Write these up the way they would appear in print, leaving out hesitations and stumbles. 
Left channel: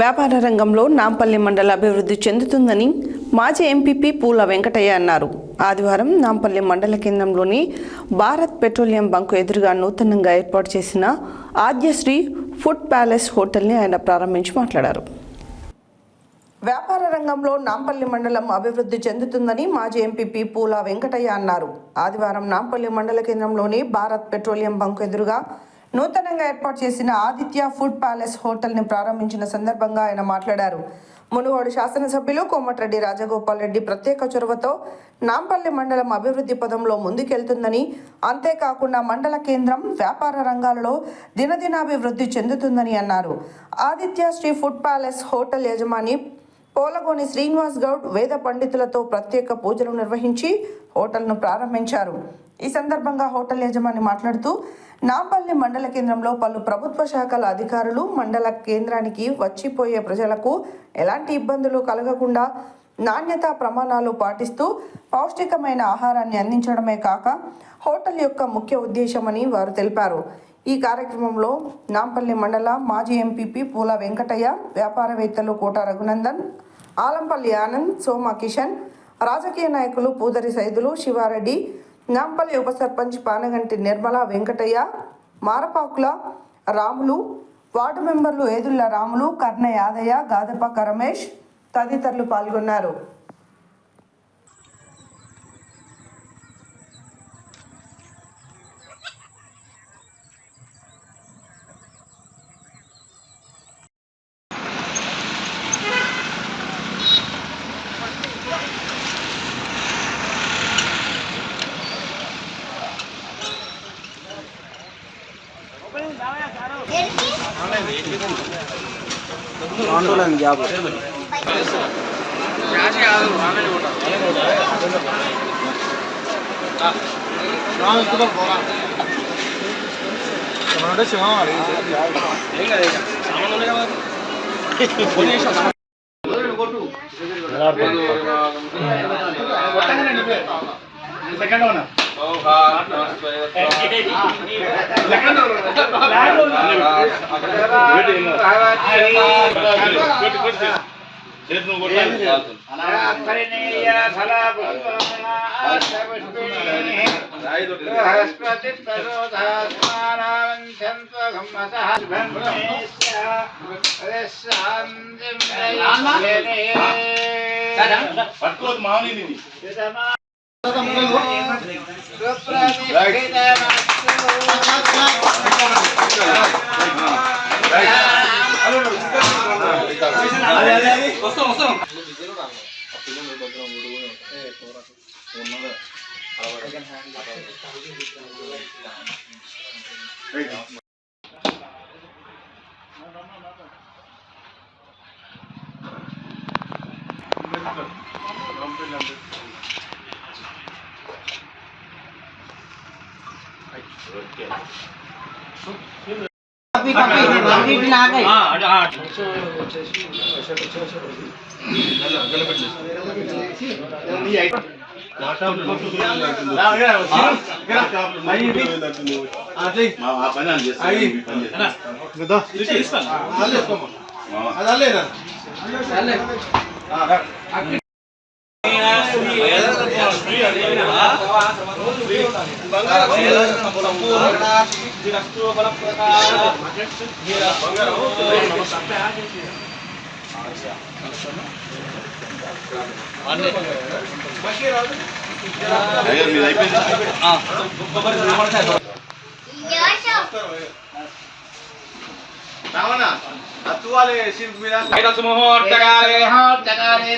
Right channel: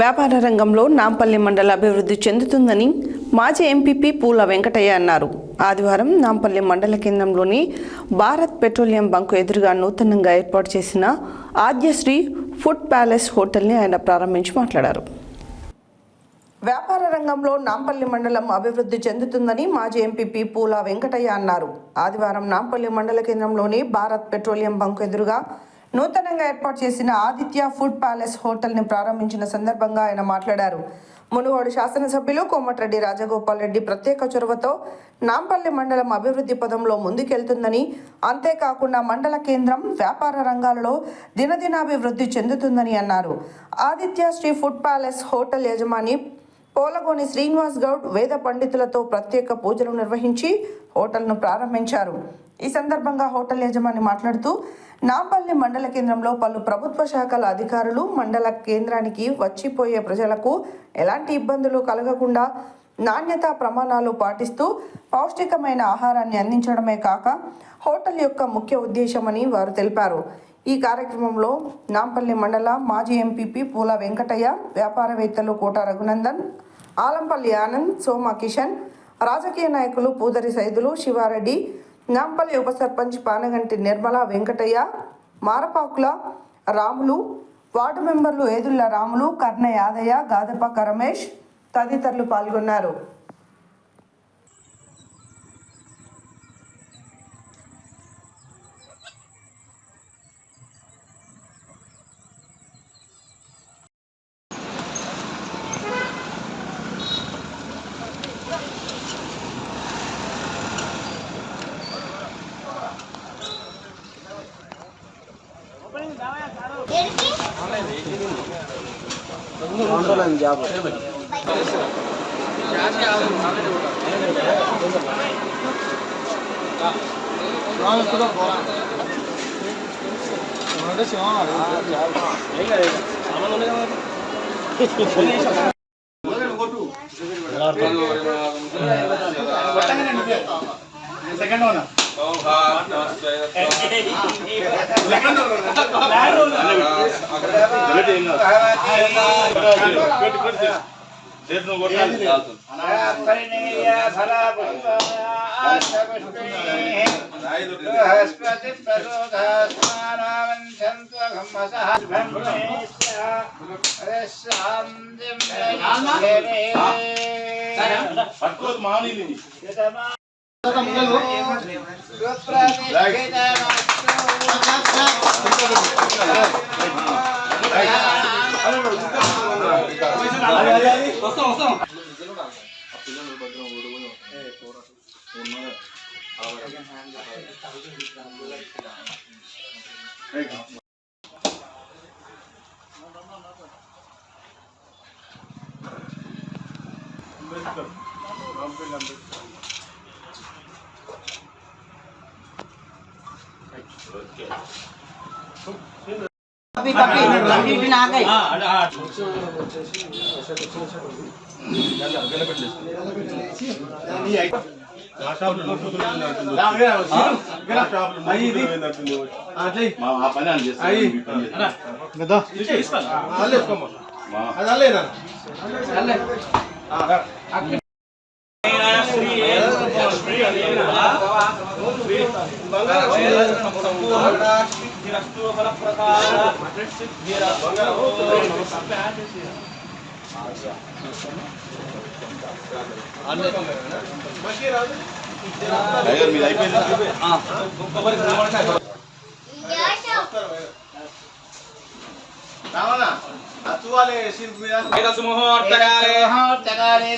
వ్యాపార రంగంలో నాంపల్లి మండల అభివృద్ధి చెందుతుందని మాజీ ఎంపీపీ పూల వెంకటయ్య అన్నారు. ఆదివారం నాంపల్లి మండల కేంద్రంలోని భారత్ పెట్రోలియం బంకు ఎదురుగా నూతనంగా ఏర్పాటు చేసిన ఆద్యశ్రీ ఫుడ్ ప్యాలెస్ హోటల్ని ఆయన ప్రారంభించి మాట్లాడారు. వ్యాపార రంగంలో నాంపల్లి మండలం అభివృద్ధి చెందుతుందని మాజీ ఎంపీపీ పూల వెంకటయ్య అన్నారు. ఆదివారం నాంపల్లి మండల కేంద్రంలోని భారత్ పెట్రోలియం బంకు ఎదురుగా నూతనంగా ఏర్పాటు చేసిన ఆదిత్య ఫుడ్ ప్యాలెస్ హోటల్ని ప్రారంభించిన సందర్భంగా ఆయన మాట్లాడారు. మునుగోడు శాసనసభ్యులు కోమటిరెడ్డి రాజగోపాల్ రెడ్డి ప్రత్యేక చొరవతో నాంపల్లి మండలం అభివృద్ధి పదంలో ముందుకెళ్తుందని, అంతేకాకుండా మండల కేంద్రం వ్యాపార రంగాలలో దినదినాభివృద్ధి చెందుతుందని అన్నారు. Aditya Sri food palace hotel యజమాని పోలగోని శ్రీనివాస్ గౌడ్ వేద పండితులతో ప్రత్యేక పూజలు నిర్వహించి హోటల్ను ప్రారంభించారు. ఈ సందర్భంగా హోటల్ యజమాని మాట్లాడుతూ, నాంపల్లి మండల కేంద్రంలో పలు ప్రభుత్వ శాఖల అధికారులు మండల కేంద్రానికి వచ్చిపోయే ప్రజలకు ఎలాంటి ఇబ్బందులు కలగకుండా నాణ్యతా ప్రమాణాలు పాటిస్తూ పౌష్టికమైన ఆహారాన్ని అందించడమే కాక హోటల్ యొక్క ముఖ్య ఉద్దేశమని వారు తెలిపారు. ఈ కార్యక్రమంలో నాంపల్లి మండల మాజీ ఎంపీపీ పూల వెంకటయ్య, వ్యాపారవేత్తలు కోట రఘునందన్, ఆలంపల్లి ఆనంద్, సోమ కిషన్, రాజకీయ నాయకులు పూదరి సైదులు, శివారెడ్డి, నాంపల్లి ఉప సర్పంచ్ పానగంటి నిర్మల వెంకటయ్య, మారపాకుల రాములు, వార్డు మెంబర్లు ఏదుళ్ల రాములు, కర్ణ యాదయ్య, గాదపక్క రమేష్ తదితరులు పాల్గొన్నారు. ఆందోళన జాబ్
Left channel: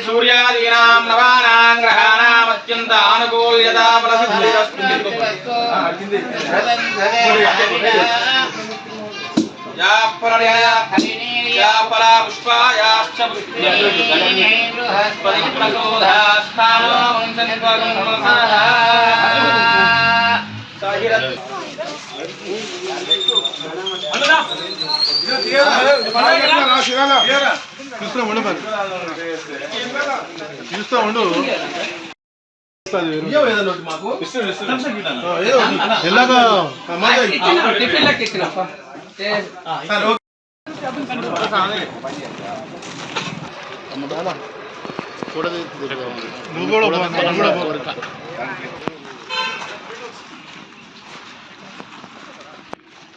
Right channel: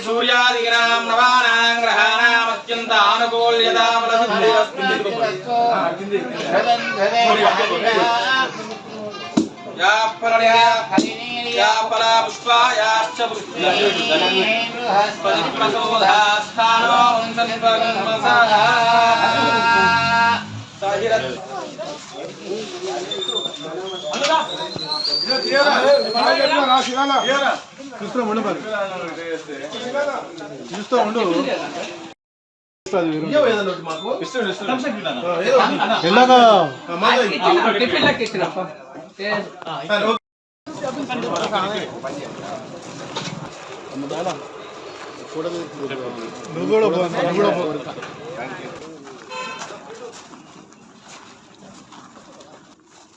సూర్యాదీనాం నవానాం గ్రహాణాం అత్యంత ఆనుకూల్యతా చూస్తా ఉండు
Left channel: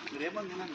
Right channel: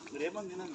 మీరేమన్నా